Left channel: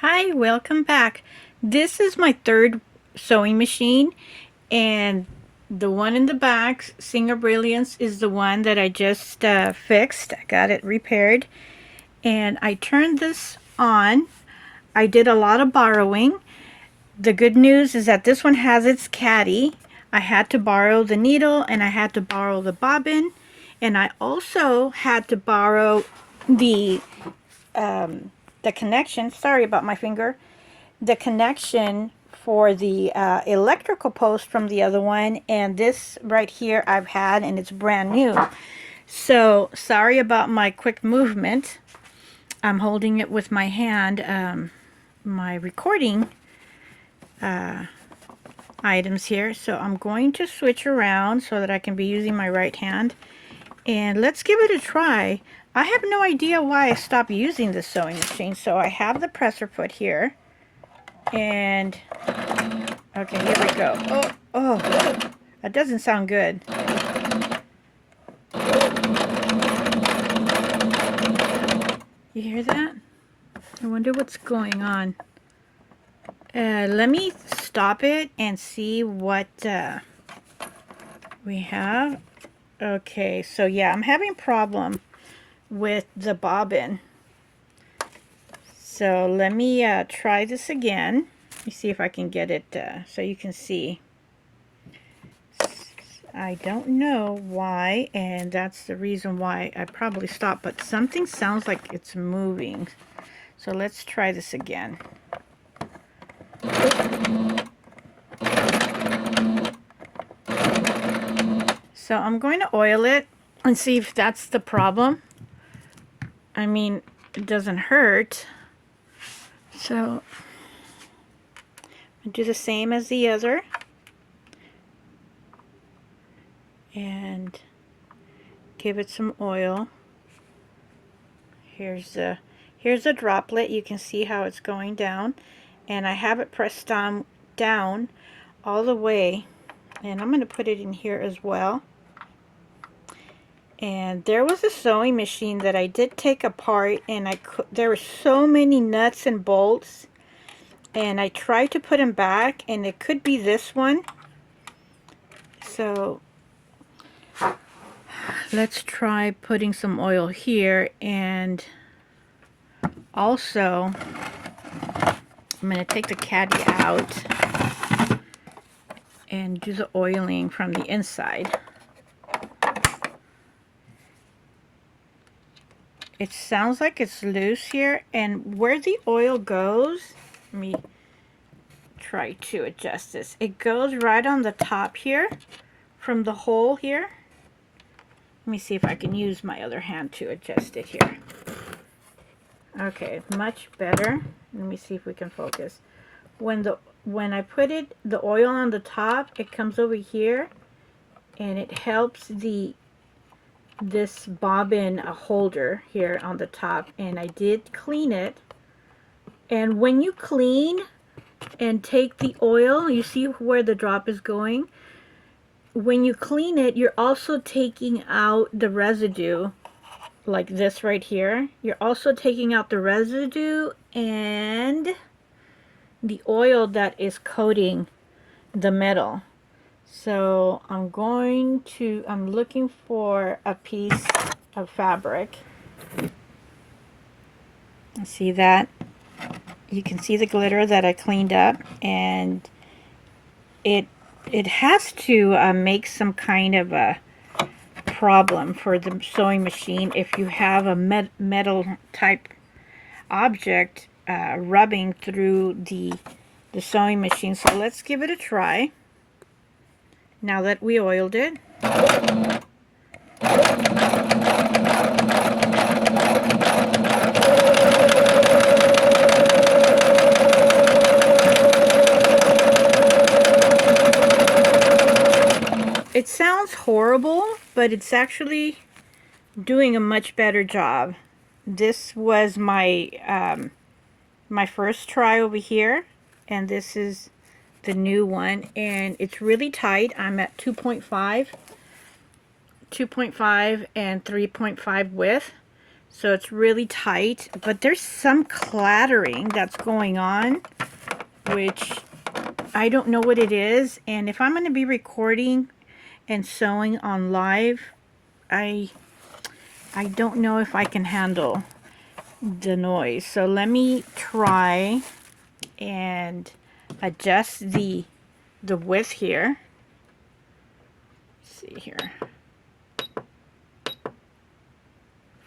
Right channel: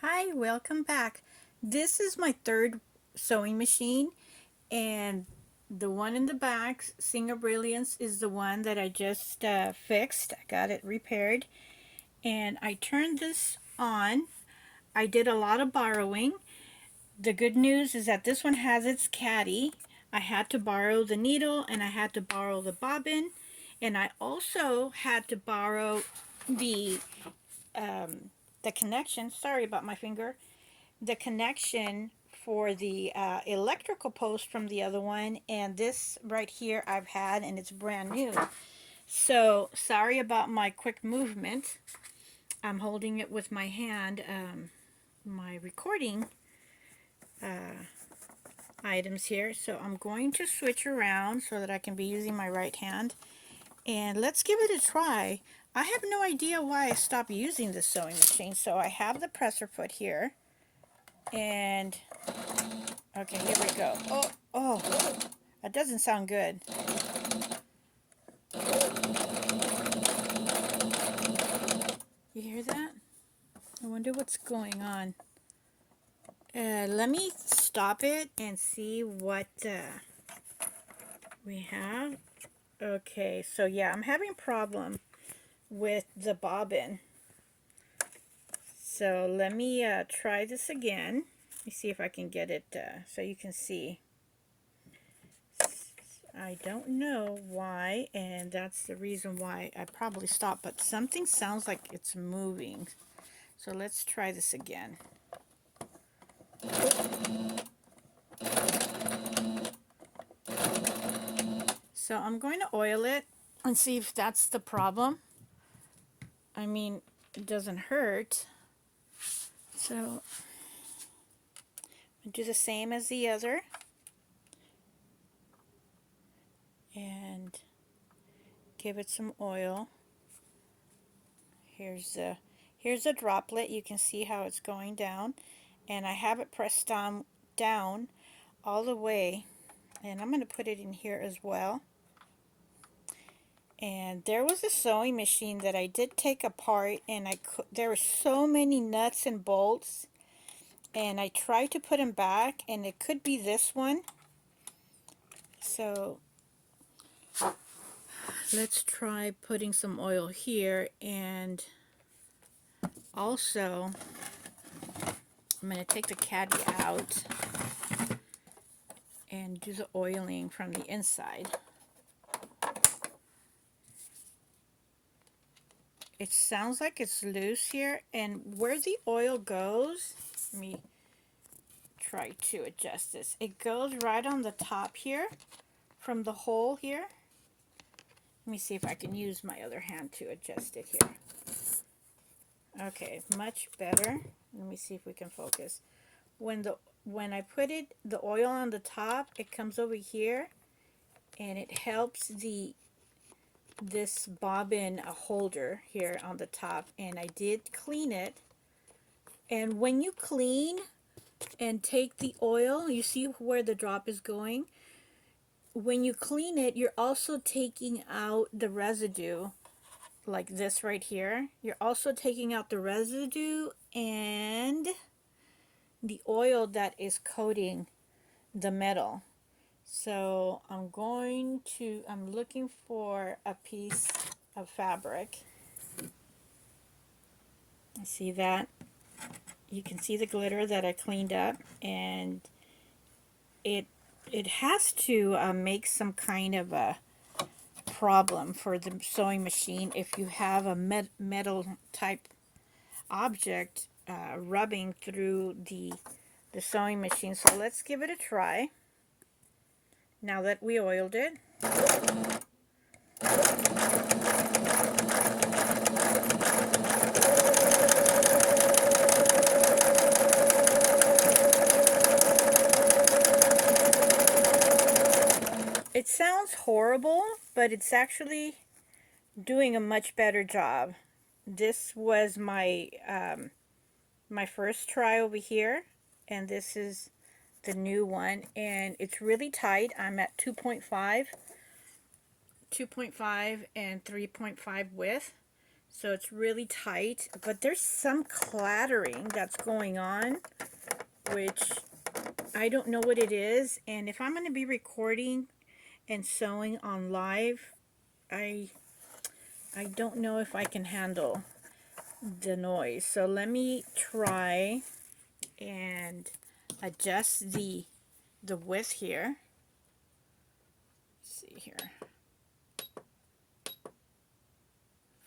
Hi, welcome back. This is my third sewing machine, and the one in the back, Singer Brilliance, is the one that I just fixed. I got it repaired, and I turned this on. I did a lot of borrowing. The good news is that this one has its caddy. I had to borrow the needle, and I had to borrow the bobbin, and I also had to borrow the the connection. Sorry about my finger. The connection for the electrical post from the other one, and this right here I've had, and it's brand new. So sorry about my quick movement. I'm holding it with my hand, my recording items here. So I'm going to switch around so that I can be using my right hand, and let's give it a try. I have no idea why I stopped using this sewing machine. So I have the presser foot here, and okay, here we go. Oh, that doesn't sound good. You hear that? I wonder what's going on. Let me stop it and see what we have. Okay, so yeah, I'm having a problem with the bobbin. So let me try this again. Let me see if I can get it so you can see. I don't know why, and that's the reason why I probably stopped, but something sounds like it's moving. So let's try this again. So I'm going to oil it and see if that's the problem. I mean, it doesn't hurt. So I'll do the same as the other. And give it some oil. Here's a droplet. You can see how it's going down, and I have it pressed down all the way, and I'm going to put it in here as well. And there was a sewing machine that I did take apart, and there were so many nuts and bolts, and I tried to put them back, and it could be this one. So let's try putting some oil here, and also I'm going to take the caddy out and do the oiling from the inside. It sounds like it's loose here, and where the oil goes, let me try to adjust this. It goes right on the top here from the hole here. Let me see if I can use my other hand to adjust it here. Okay, much better. Let me see if we can focus. When I put the oil on the top, it comes over here, and it helps this bobbin holder here on the top, and I did clean it. And when you clean and take the oil, you see where the drop is going. When you clean it, you're also taking out the residue, like this right here. You're also taking out the residue and the oil that is coating the metal. So I'm looking for a piece of fabric. See that? You can see the glitter that I cleaned up, and it has to make some kind of a problem for the sewing machine if you have a metal type object rubbing through the sewing machine. So let's give it a try now that we oiled it. It sounds horrible, but it's actually doing a much better job. This was my my first try over here, and this is the new one, and it's really tight. I'm at 2.5 and 3.5 width, So it's really tight, but there's some clattering that's going on, which I don't know what it is. And if I'm going to be recording and sewing on live, I don't know if I can handle the noise. So let me try and adjust the width here. Let's see here.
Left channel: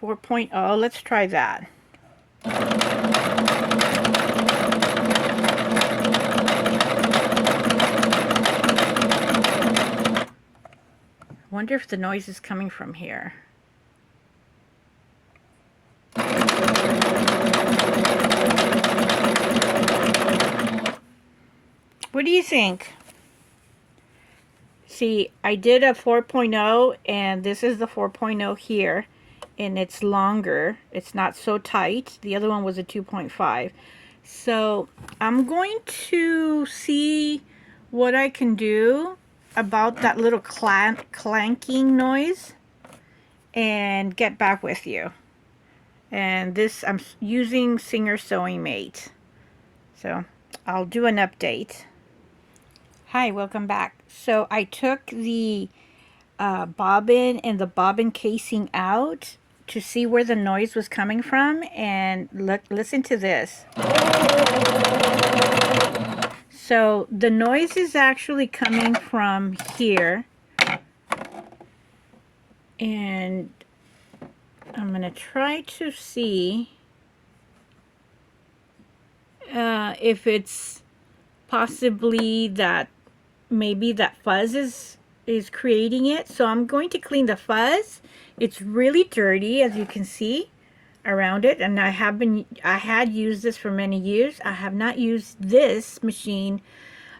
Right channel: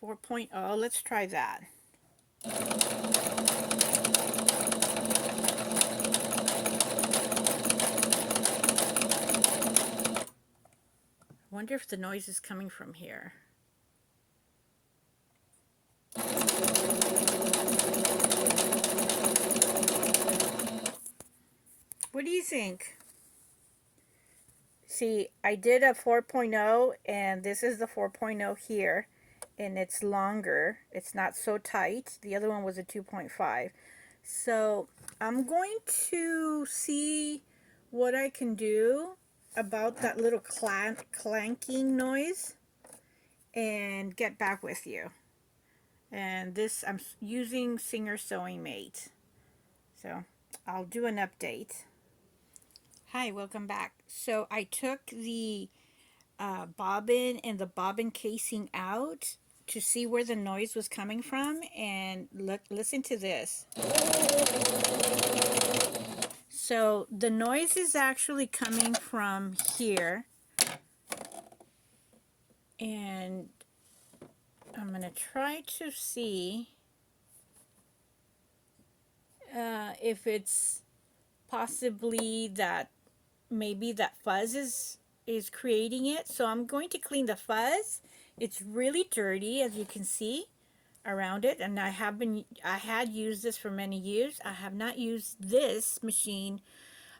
4.0, let's try that. I wonder if the noise is coming from here. What do you think? See, I did a 4.0 and this is the 4.0 here, and it's longer. It's not so tight. The other one was a 2.5. So I'm going to see what I can do about that little clanking noise and get back with you. And this, I'm using Singer Sewing Mate. So I'll do an update. Hi, welcome back. So I took the bobbin and the bobbin casing out to see where the noise was coming from, and listen to this. So the noise is actually coming from here, and I'm going to try to see if it's possibly that maybe that fuzz is creating it. So I'm going to clean the fuzz. It's really dirty, as you can see around it, and I had used this for many years. I have not used this machine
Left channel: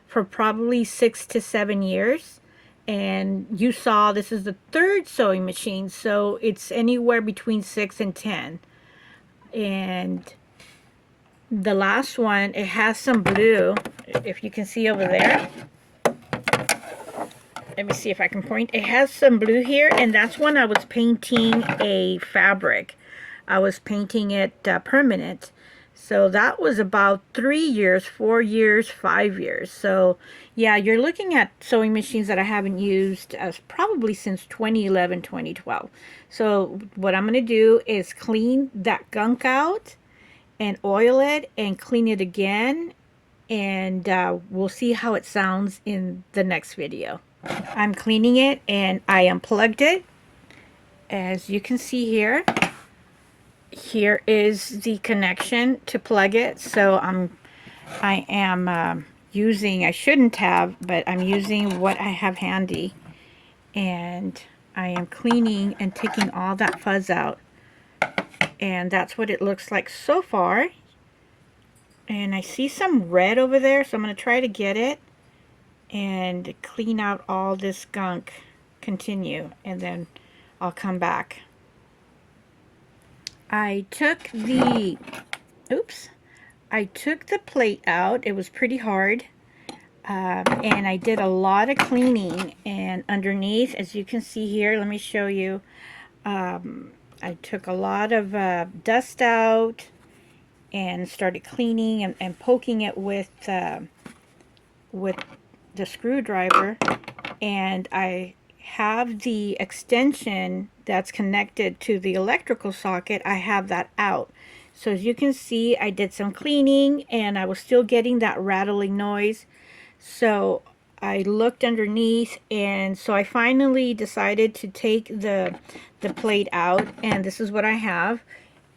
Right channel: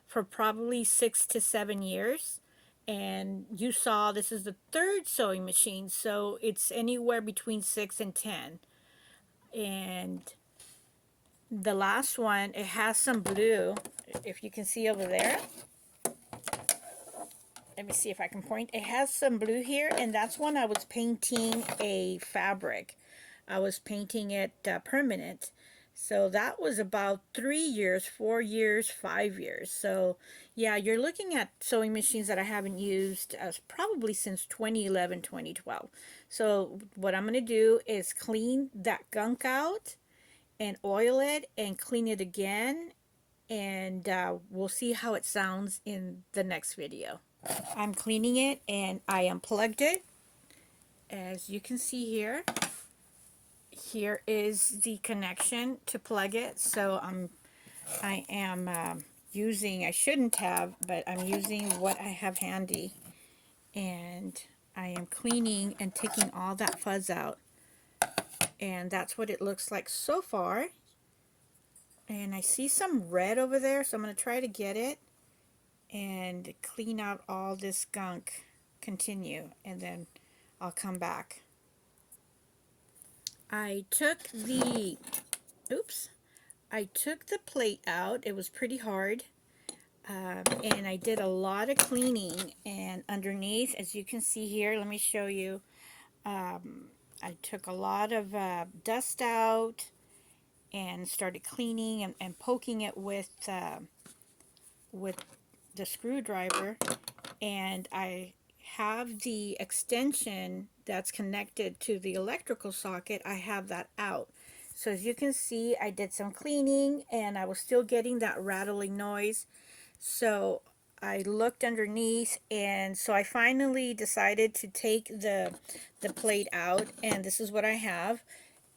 for probably 6 to 7 years, and you saw this is the third sewing machine, so it's anywhere between 6 and 10. And the last one, it has some blue, if you can see over there. Let me see if I can point. It has some blue here, and that's when I was painting a fabric. I was painting it permanent. So that was about 3 years, 4 years, 5 years. So yeah, you're looking at sewing machines that I haven't used probably since 2011, 2012. So what I'm going to do is clean that gunk out and oil it and clean it again. And we'll see how it sounds in the next video. I'm cleaning it and I unplugged it. As you can see here, here is the connection to plug it. So I am using, I shouldn't have, but I'm using what I have handy, and I am cleaning and taking all that fuzz out, and that's what it looks like so far. And I see some red over there, so I'm going to try to get it and clean out all this gunk, continue, and then I'll come back. I took the plate out. It was pretty hard, and I did a lot of cleaning, and underneath, as you can see here, let me show you, I took a lot of dust out and started cleaning and poking it with the screwdriver, and I have the extension that's connected to the electrical socket. I have that out. So as you can see, I did some cleaning and I was still getting that rattling noise. So I looked underneath, and so I finally decided to take the plate out, and this is what I have.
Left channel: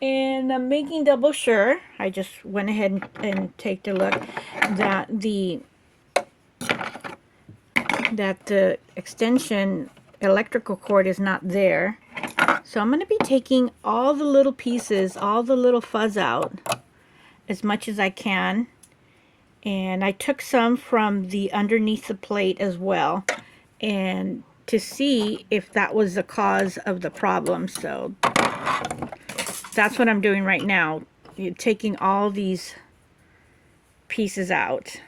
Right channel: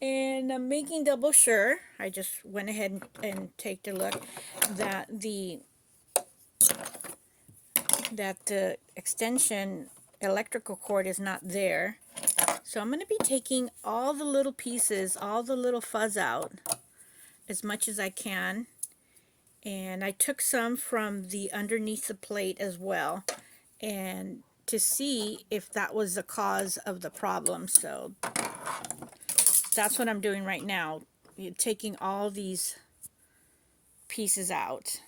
And I'm making double sure. I just went ahead and take a look that the extension electrical cord is not there. So I'm going to be taking all the little pieces, all the little fuzz out as much as I can. And I took some from the underneath the plate as well, and to see if that was the cause of the problem. So that's what I'm doing right now, taking all these pieces out.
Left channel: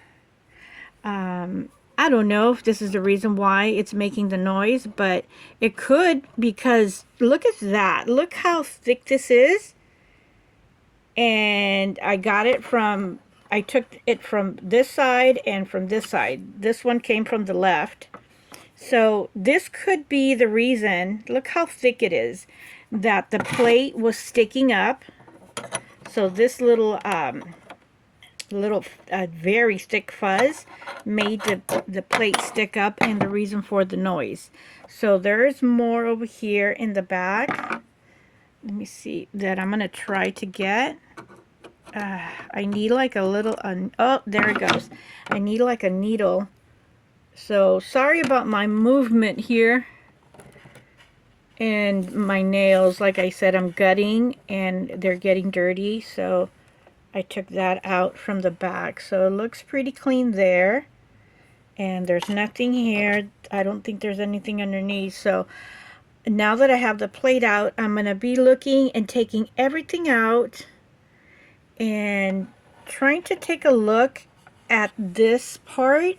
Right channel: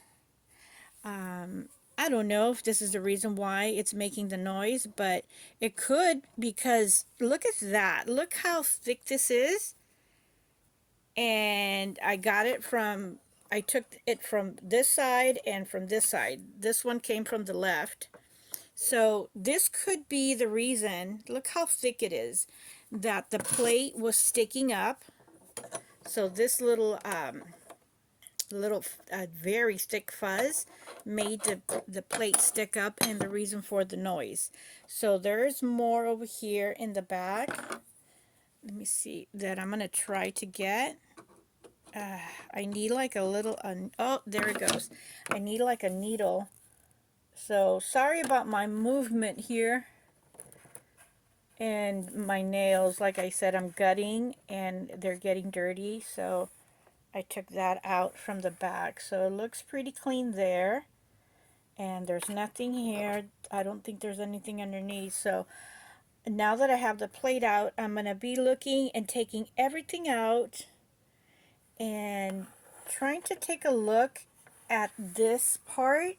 I don't know if this is the reason why it's making the noise, but it could, because look at that. Look how thick this is. And I took it from this side and from this side. This one came from the left. So this could be the reason, look how thick it is, that the plate was sticking up. So this little very thick fuzz made the plate stick up, and the reason for the noise. So there's more over here in the back. Let me see that I'm gonna try to get. I need like a little, oh, there it goes. I need like a needle. So sorry about my movement here. And my nails, like I said, I'm gutting and they're getting dirty. So I took that out from the back. So it looks pretty clean there. And there's nothing here. I don't think there's anything underneath. So now that I have the plate out, I'm going to be looking and taking everything out and trying to take a look at this part,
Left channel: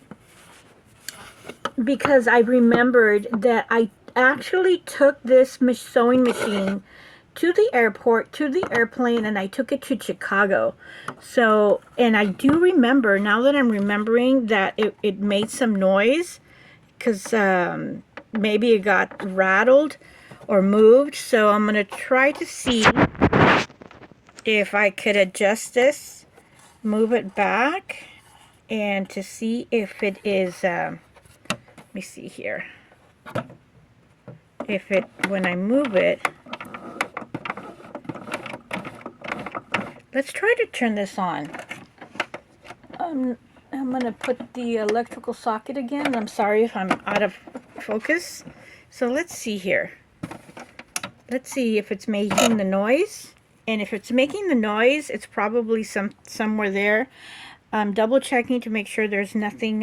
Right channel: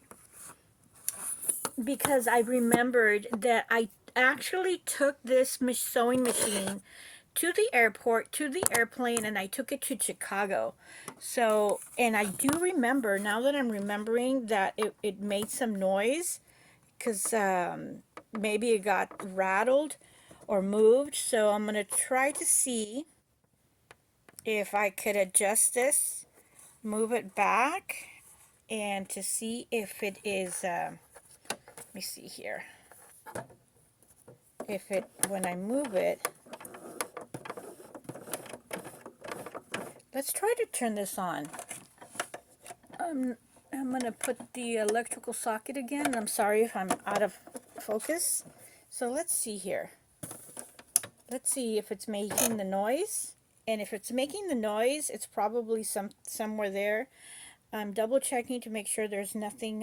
because I remembered that I actually took this sewing machine to the airport, to the airplane, and I took it to Chicago. So, and I do remember, now that I'm remembering, that it made some noise, because maybe it got rattled or moved. So I'm going to try to see if I could adjust this, move it back, and to see if it is, let me see here, if it, when I move it, let's try to turn this on. I'm going to put the electrical socket again. I'm sorry if I'm out of focus. So let's see here. Let's see if it's making the noise. And if it's making the noise, it's probably somewhere there. I'm double checking to make sure there's nothing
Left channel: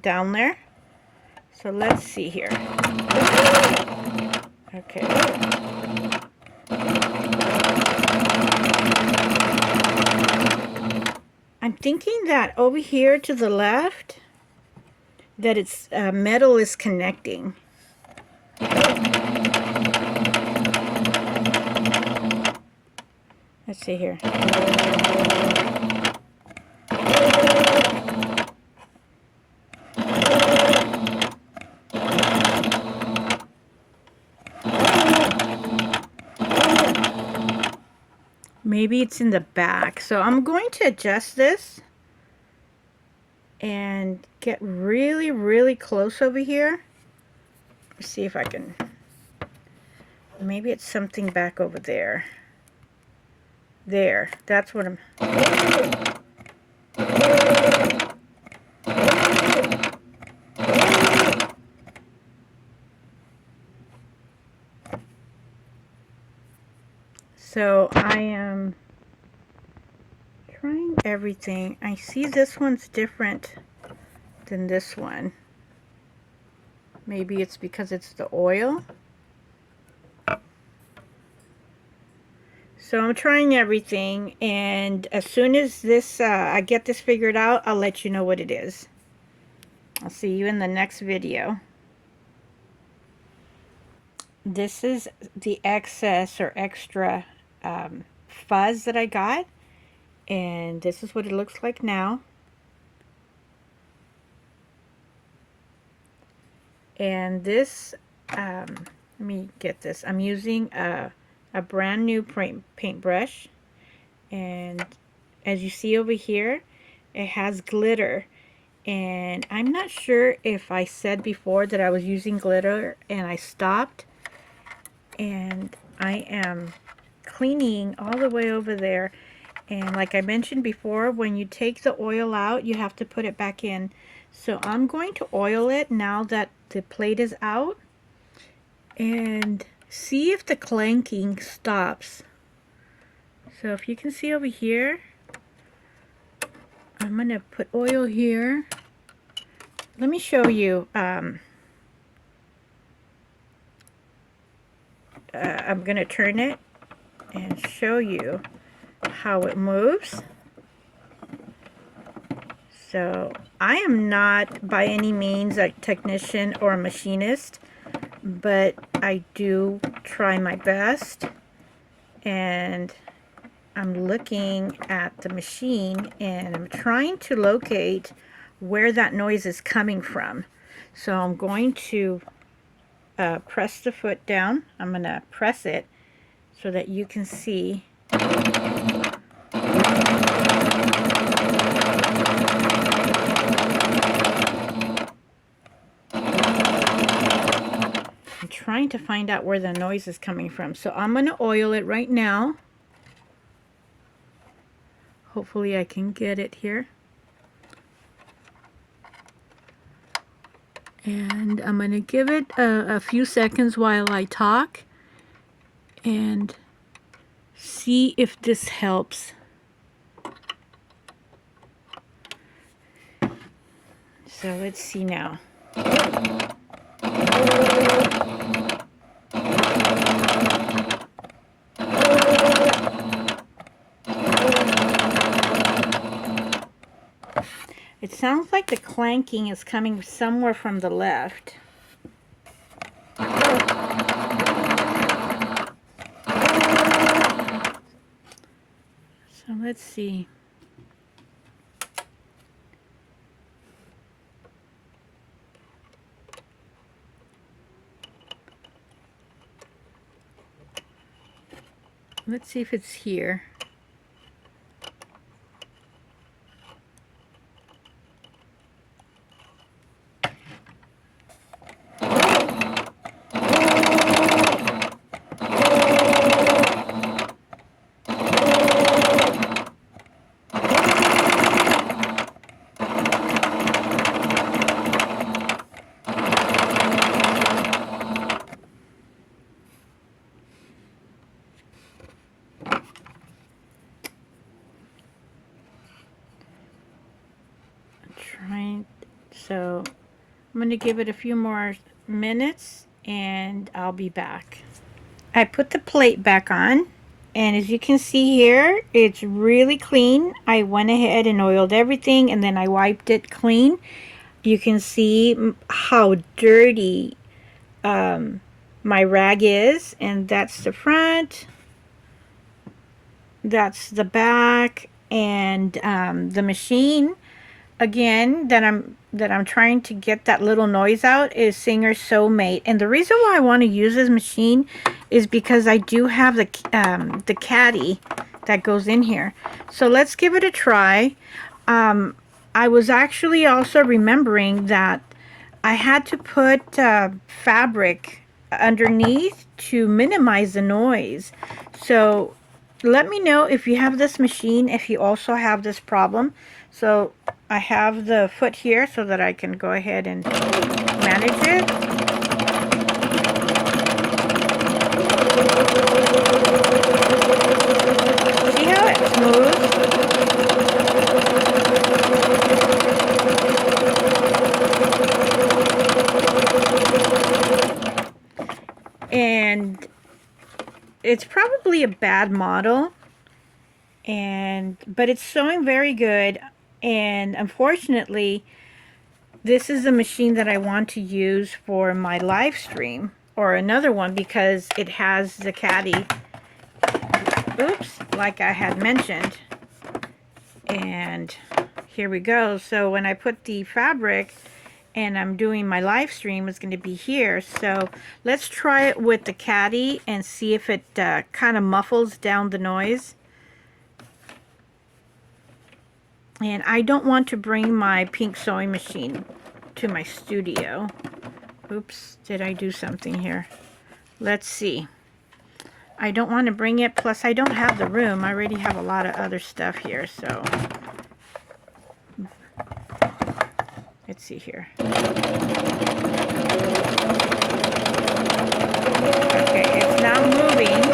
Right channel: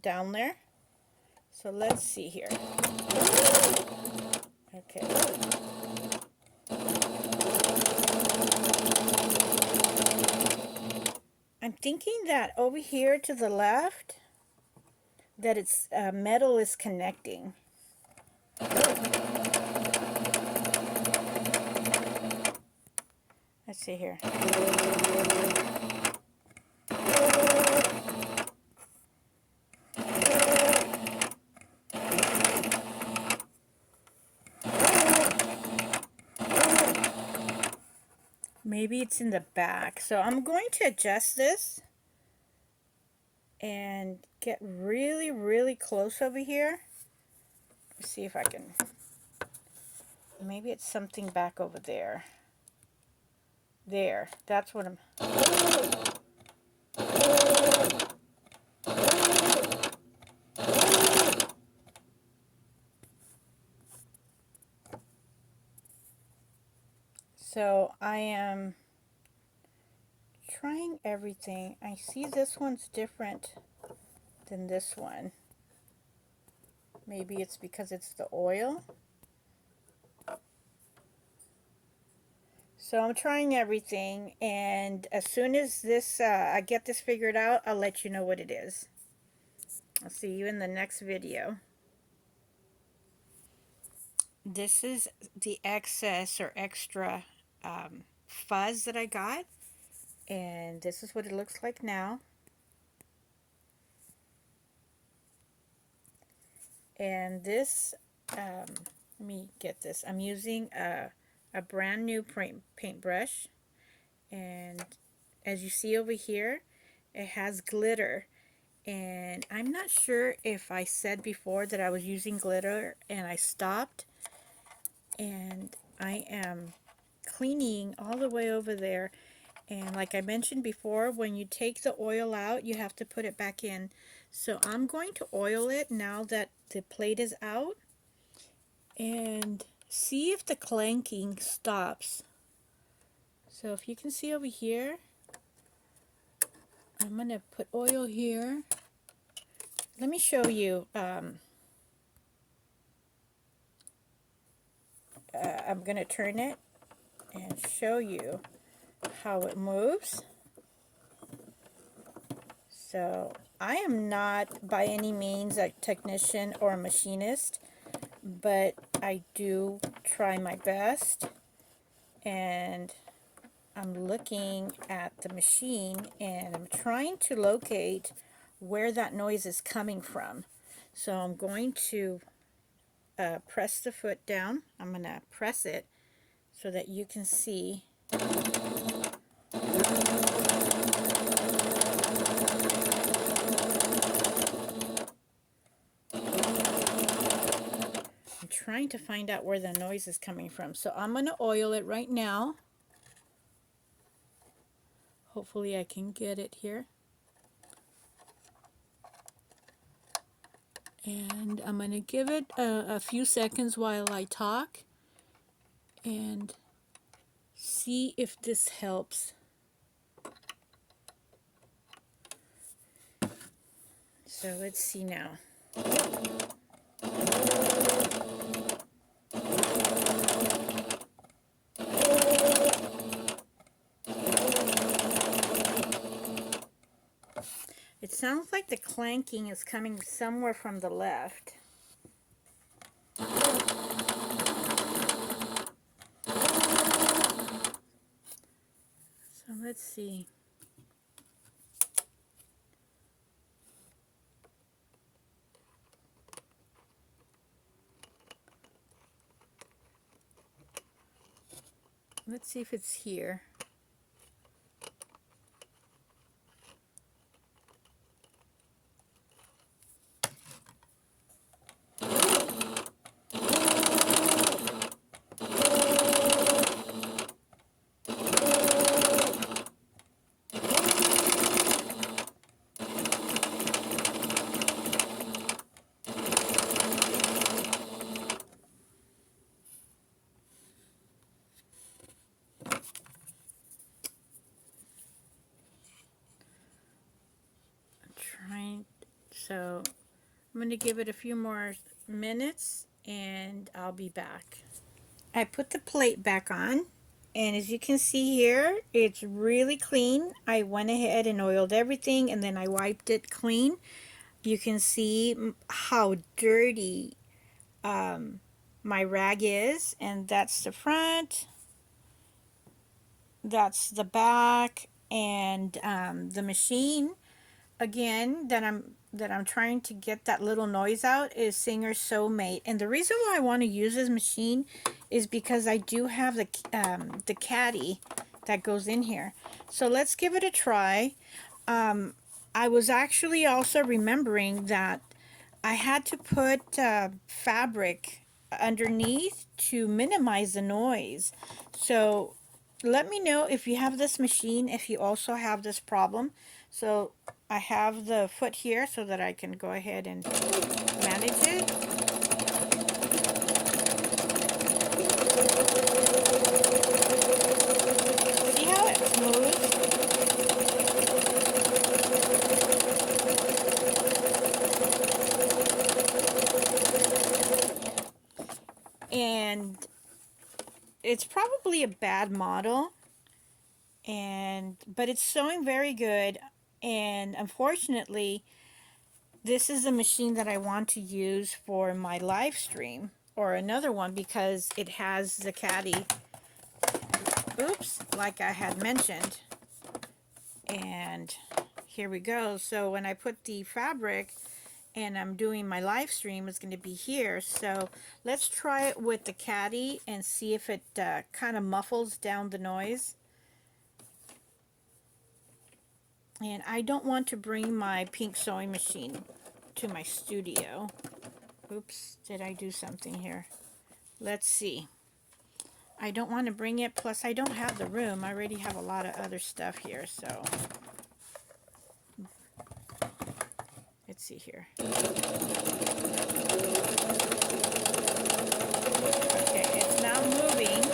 down there. So let's see here. Okay. I'm thinking that over here to the left, that it's metal is connecting. Let's see here. Maybe it's in the back. So I'm going to adjust this and get really, really close over here. Let's see if I can. Maybe it's something back over there. There, that's what I'm. So I am trying everything. I see this one's different than this one. Maybe it's because it's the oil. So I'm trying everything, and as soon as this I get this figured out, I'll let you know what it is. I'll see you in the next video. This is the excess or extra fuzz that I got, and this is what it looks like now. And this, let me get this. I'm using a brand new paintbrush, and as you see over here, it has glitter. And I'm not sure if I said before that I was using glitter and I stopped, and I am cleaning all the way over there. And like I mentioned before, when you take the oil out, you have to put it back in. So I'm going to oil it now that the plate is out, and see if the clanking stops. So if you can see over here, I'm going to put oil here. Let me show you. I'm going to turn it and show you how it moves. So I am not by any means a technician or a machinist, but I do try my best. And I'm looking at the machine and I'm trying to locate where that noise is coming from. So I'm going to press the foot down. I'm going to press it so that you can see. I'm trying to find out where the noise is coming from. So I'm going to oil it right now. Hopefully I can get it here. And I'm going to give it a few seconds while I talk and see if this helps. So let's see now. It sounds like the clanking is coming somewhere from the left. So let's see. Let's see if it's here. So I'm going to give it a few more minutes and I'll be back. I put the plate back on, and as you can see here, it's really clean. I went ahead and oiled everything and then I wiped it clean. You can see how dirty my rag is, and that's the front, that's the back, and the machine again that I'm trying to get that little noise out is Singer Soulmate. And the reason why I want to use this machine is because I do have the caddy that goes in here. So let's give it a try. I was actually also remembering that I had to put fabric underneath to minimize the noise. So let me know if you have this machine, if you also have this problem. So I have the foot here so that I can go ahead and manage it. See how it's smooth? And it's probably a bad model, but it's sewing very good. And unfortunately, this is the machine that I want to use for my live stream or another one because it has the caddy, oops, like I had mentioned. And here we go. So when I put the fabric and I'm doing my live stream, it's going to be here. So let's try it with the caddy and see if it kind of muffles down the noise. And I don't want to bring my pink sewing machine to my studio. Oops, did I do something here? Let's see. I don't want to bring it, plus I don't have the room. I already have a lot of other stuff here, so. Let's see here. Okay, it's not moving.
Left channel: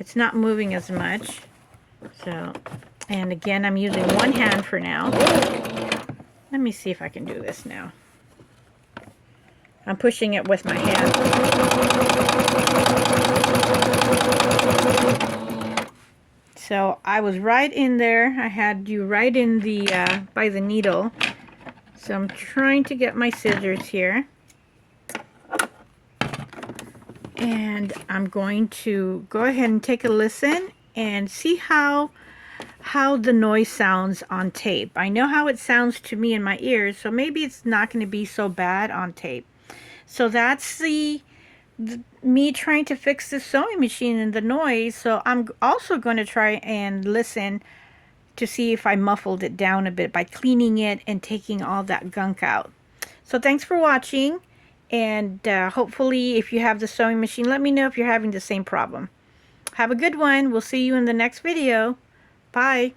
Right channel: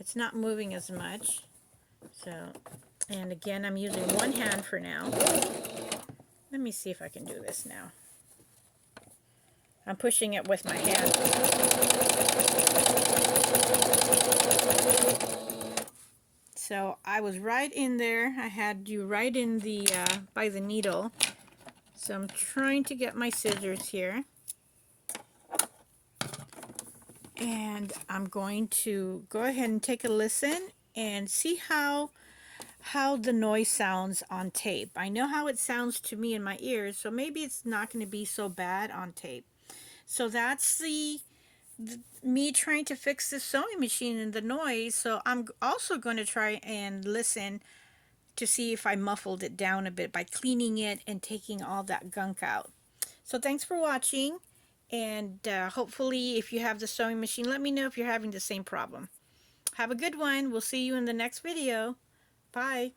It's not moving as much. So, and again, I'm using one hand for now. Let me see if I can do this now. I'm pushing it with my hand. So So I was right in there. I had you right in the by the needle. So I'm trying to get my scissors here. And I'm going to go ahead and take a listen and see how the noise sounds on tape. I know how it sounds to me in my ears, so maybe it's not going to be so bad on tape. So that's me trying to fix the sewing machine and the noise. So I'm also going to try and listen to see if I muffled it down a bit by cleaning it and taking all that gunk out. So thanks for watching, and hopefully if you have the sewing machine, let me know if you're having the same problem. Have a good one. We'll see you in the next video. Bye.